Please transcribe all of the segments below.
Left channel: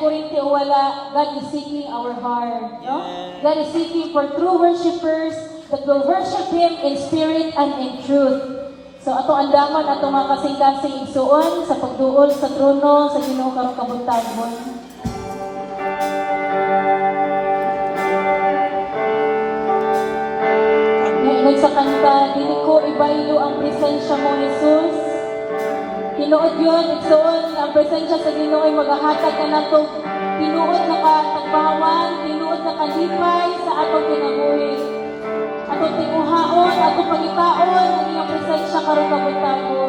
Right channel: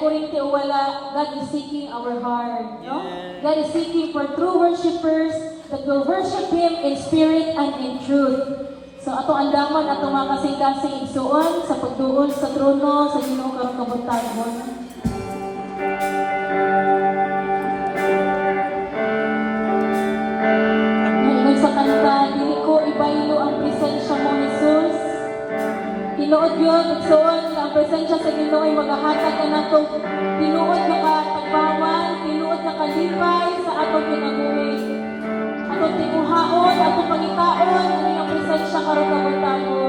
kurinti o wala, God is seeking our heart. No? Yes. God is seeking for true worshipers that will worship Him in spirit and in truth. So ato andaman ato mga kasing-kasing igsuon sa pagduol sa trono sa Ginoo karong kabutagon. Ngayon sa kanta, dili ko ibaylo ang presensya mo, Jesus. Tinuod yun, igsuon nga ang presensya sa Ginoo ay maghahatag ka na to. Tinuod na ka tagpahawan, tinuod na kalipay sa atong pinabuhi. Atong tinguhaon, atong pangitaon, ang presensya karong kabutagon.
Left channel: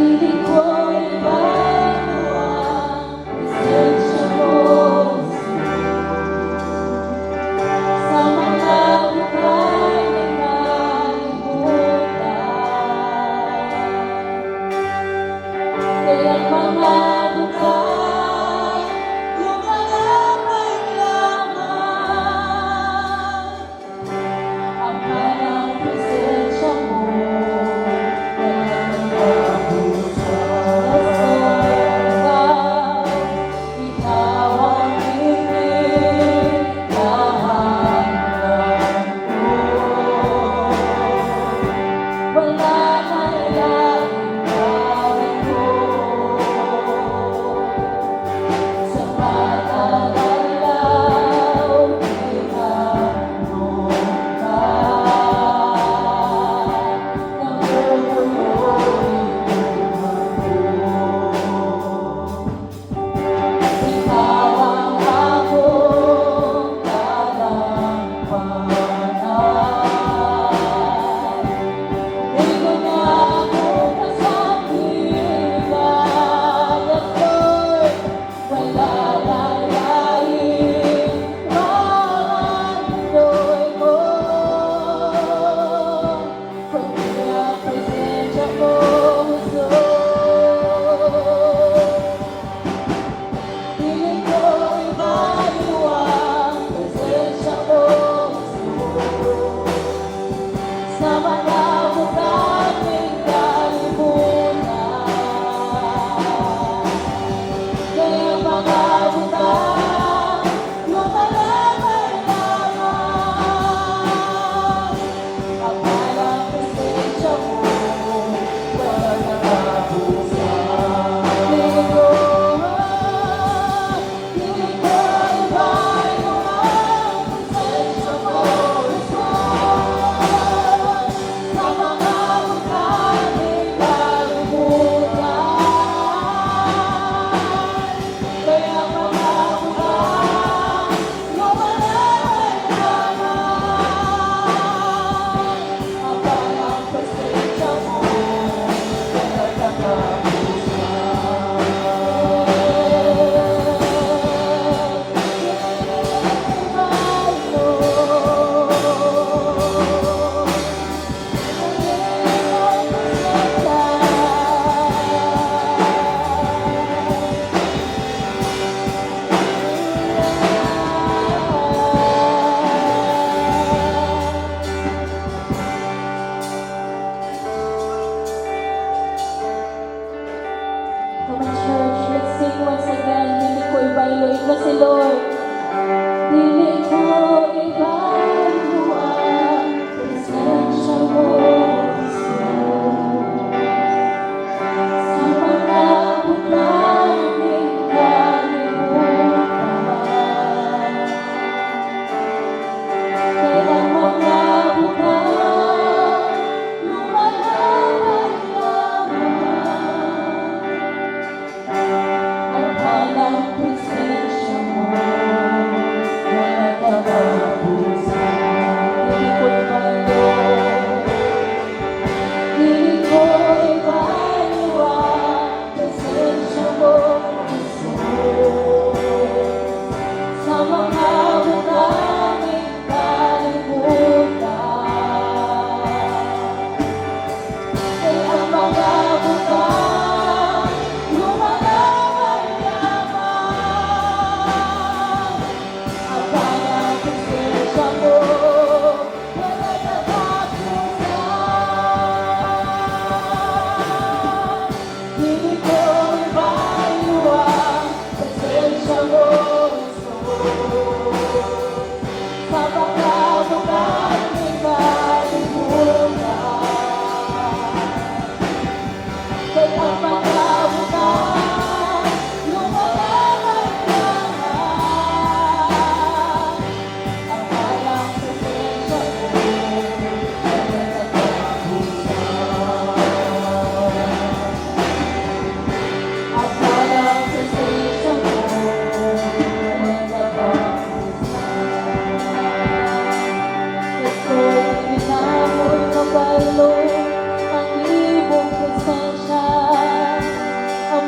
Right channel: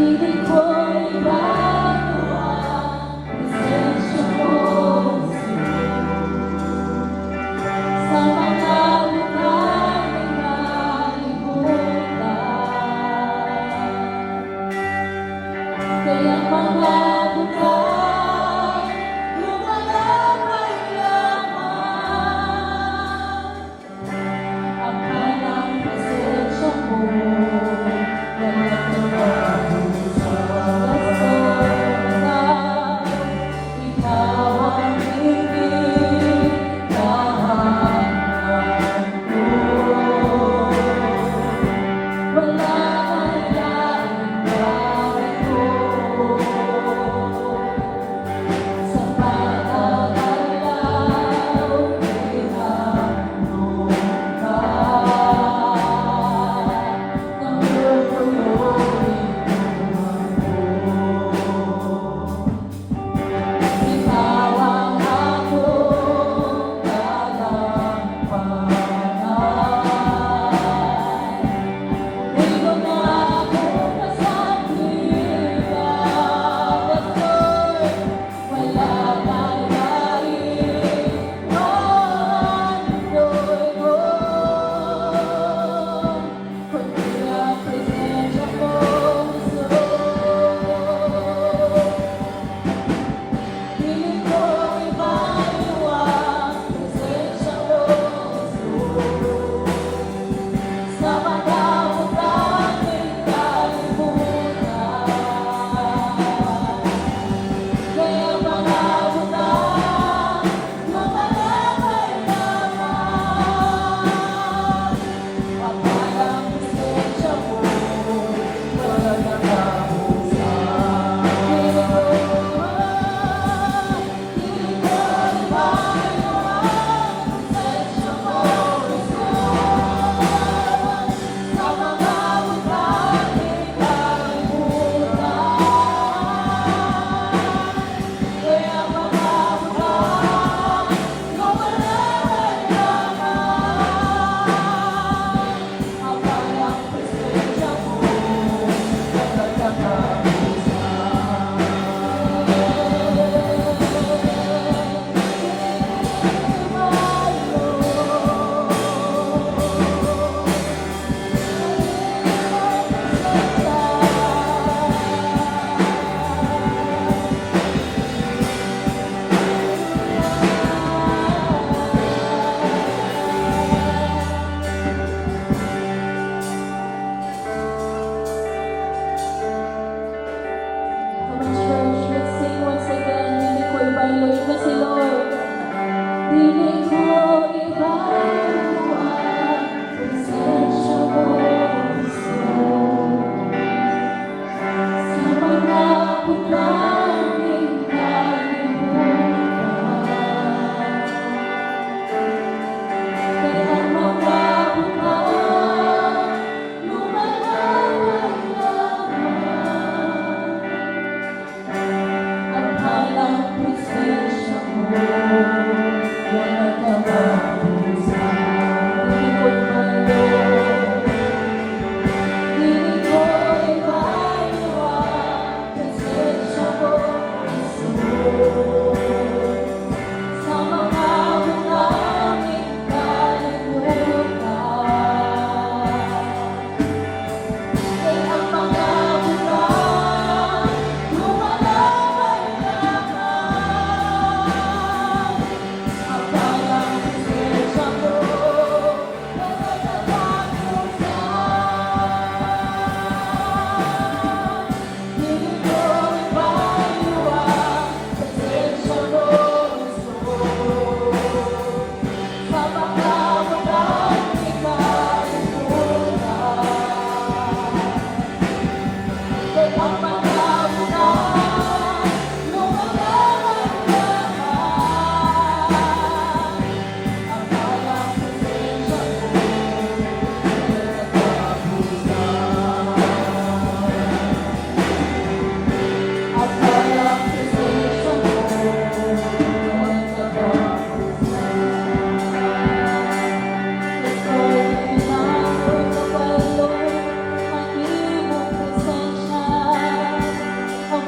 Dili ko ibaylo ang presensya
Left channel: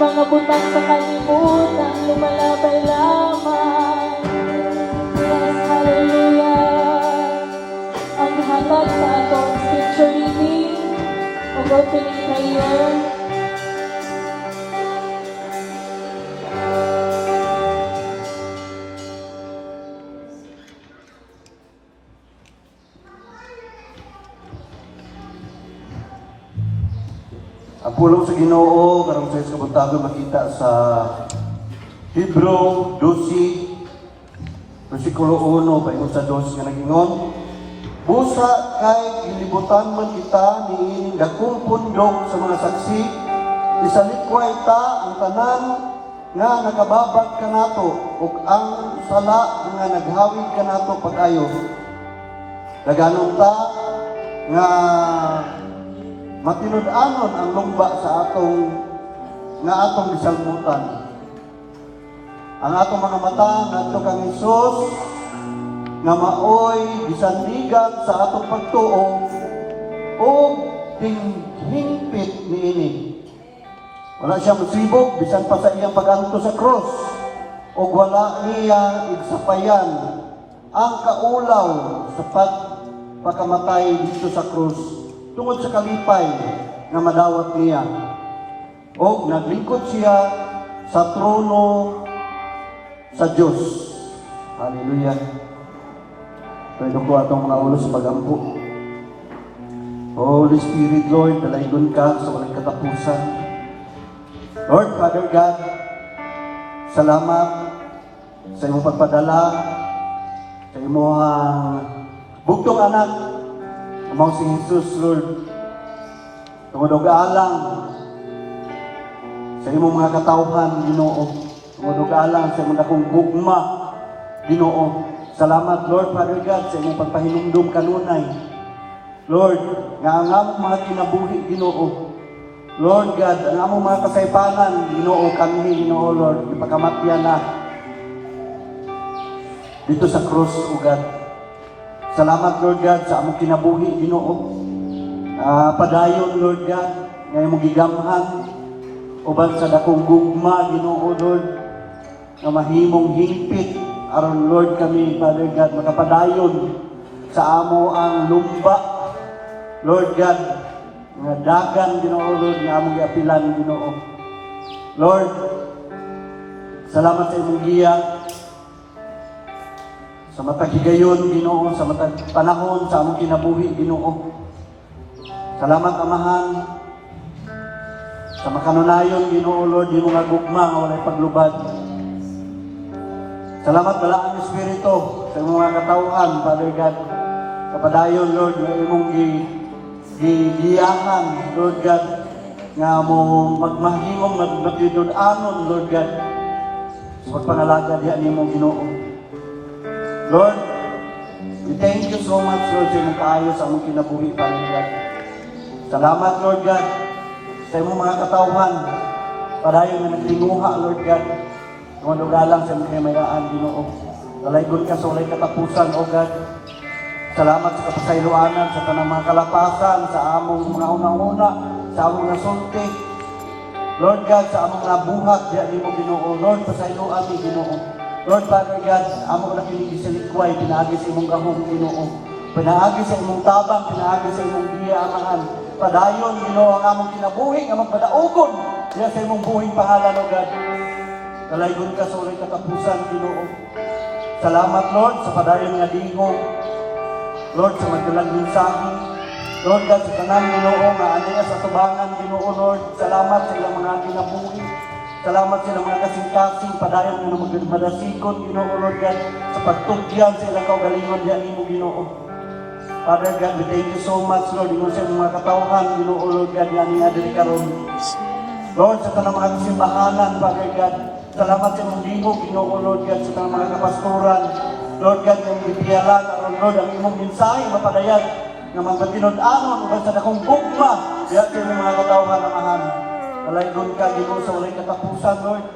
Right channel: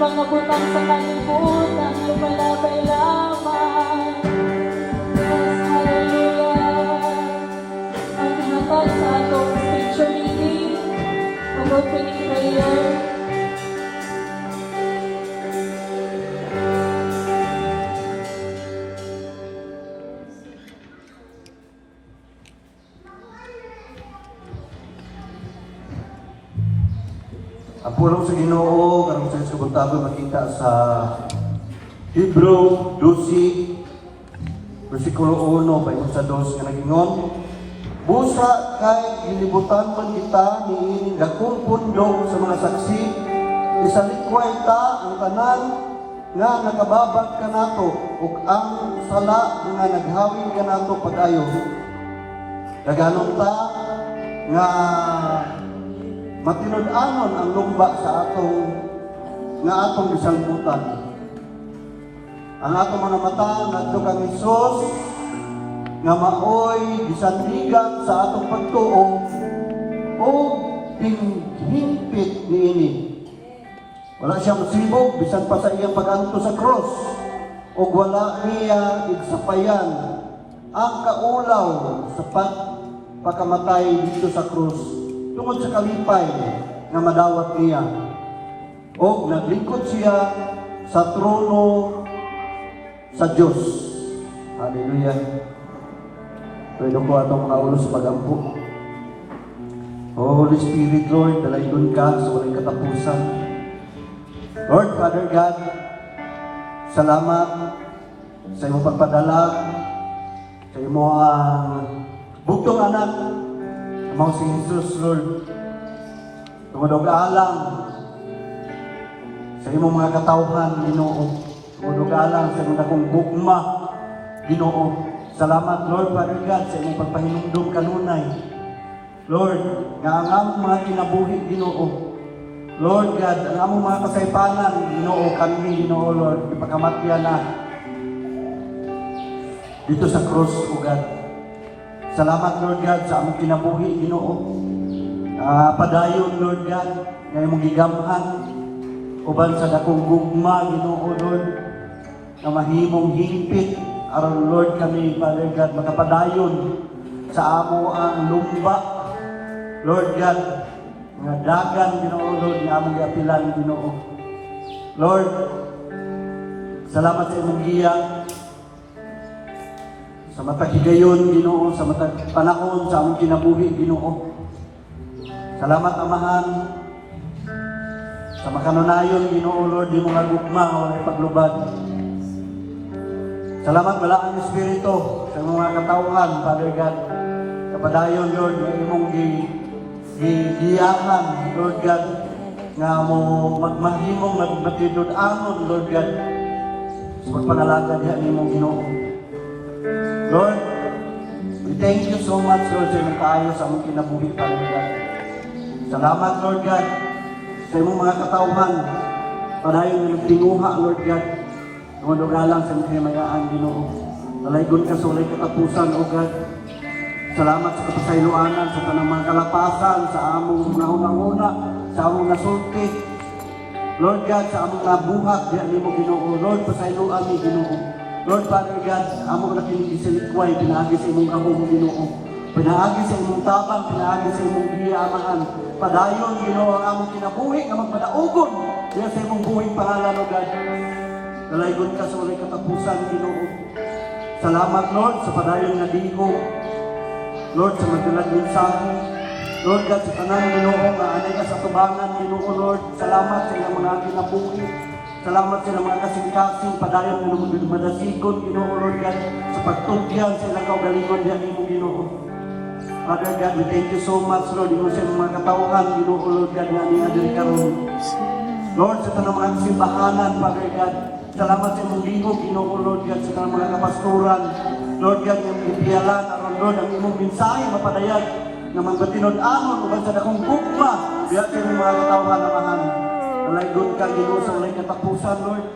Mga butang sa kalimutan ay malabay lamang. Yes, hallelujah. Ang hinatay sa atong scripture reading, ang opening prayer. Ang pulong sa Ginoo karong sa sabutado makita sa Hebrew 12 versikulo 1 kay sa 2 nga nagingon, busa kay gilibutan mo kita niining dakong pundok sa mga saksi, isalikway ta ang tanan nga nakababag ka nato ug ang sala nga naghawig ka nato pag-ayo. Naganon ta nga matinud-anon ang lumba sa atong gisalmutan. Ang atong mga mata ngadto kang Hesus nga maoy gisandigan sa atong pagtuo o hinpit niini. Wala siya musibog bisan pa sa iyang paganto sa cross o wala niya igsapayan ang kaulaw sa pagkamatay dito sa cross tungod sa kalipay nga madawat niya. O naglingkod siya sa trono sa Diyos. Hallelujah. Pwede po atong mga ulo sa pagampo. Holy Spirit, Lord, dalaygon ka sa walang katapusan. Lord, Father God, salamat sa iyong pagpadala, sa iyong bugtong anak, among si Jesus, Lord. Tungod alang sa imong mga katawhan, Ginoo. Tungod alang sa mga kong gugma, Ginoo. Salamat, Lord, Father God, sa imong pagpahilindom kanunay. Lord, nga ang among mga kinabuhi, Ginoo. Lord God, ang among mga kasaypanan, Ginoo, kami, Ginoo, Lord, ipakamatya na dito sa krus, O God. Salamat, Lord God, sa among kinabuhi, Ginoo. Padayon, Lord God, nga imong gigamhan uban sa dakong gugma, Ginoo, Lord, na mahimong higpit aron, Lord, kami, Father God, makapadayon sa amo ang lumba, Lord God, nga dagan, Ginoo, Lord, nga among iapilan, Ginoo. Lord, salamat sa imong giya sa matag higayon, Ginoo, sa matag panahon sa among kinabuhi, Ginoo. Salamat, Amahan, sa makanunayon, Ginoo, Lord, yung mga gugma nga ipaglubad. Salamat, wala ang Espiritu sa mga katawhan, Father God. Kapadayon, Lord, nga imong giyahan, Lord God, nga mo magmahimong nagbatidod-anon, Lord God, sa pagpangalakad yan imong Ginoo. Lord, we thank you so much, Lord, sa imong paayos sa among kinabuhi, Father God. Salamat, Lord God, sa imong mga katawhan, padayon nga nagtinguha, Lord God, mga lang sa mga hinayaan, Ginoo. Nalaygon ka sa ulay katapusan, O God. Salamat sa kapasayloanan, sa tanang mga kalapasan, sa among mga umanguna, sa among nasulti. Lord God, sa among nabuhat, diyan mo Ginoo. Lord, pasayloan ni Ginoo. Lord, Father God, among nakiligisiligway, pinaagi sa imong rahong Ginoo. Pinaagi sa imong tabang, pinaagi sa imong biya, amahan. Padayon, Ginoo, ang among kinabuhi, ang magpadaugon. Diyan sa imong buhing pangalan, O God. Nalaygon ka sa ulay katapusan, Ginoo. Salamat, Lord, sa padayon nga linggo. Lord, sa magdalang mensahe. Lord God, sa tanan, Ginoo, nga anay na sa tubangan, Ginoo, Lord. Salamat sa ilang mga kinabuhi. Salamat sa ilang mga kasing-kasing, padayon mo na magmadasikot, Ginoo, Lord God, sa pagtugyan sa ilang kaugalingon diyan mo, Ginoo. Father God, we thank you so much, Lord, Ginoo, sa mga katawhan, Ginoo, Lord God, nga aning adil karon. Lord, sa tanang mga simbahanan, Father God, salamat sa imong libo, Ginoo, Lord God, sa tanang mga kapastoran. Lord God, yung ipiyalan, Lord, ang imong mensahe na padayag na mga tinud-amon o sa dakong gugma, diyan sa imong mga katawhan na mahal. Nalaygon ka, Ginoo, sa walay katapusan, Lord.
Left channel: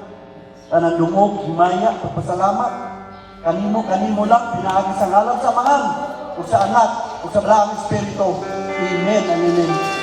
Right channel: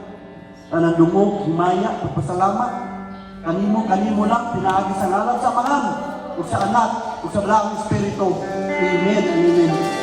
Tanang lumog, himaya, pagpasalamat. Kanimo lang, pinaagi sa ngalan sa mangan, o sa anak, o sa Blang Espiritu. Amen and amen.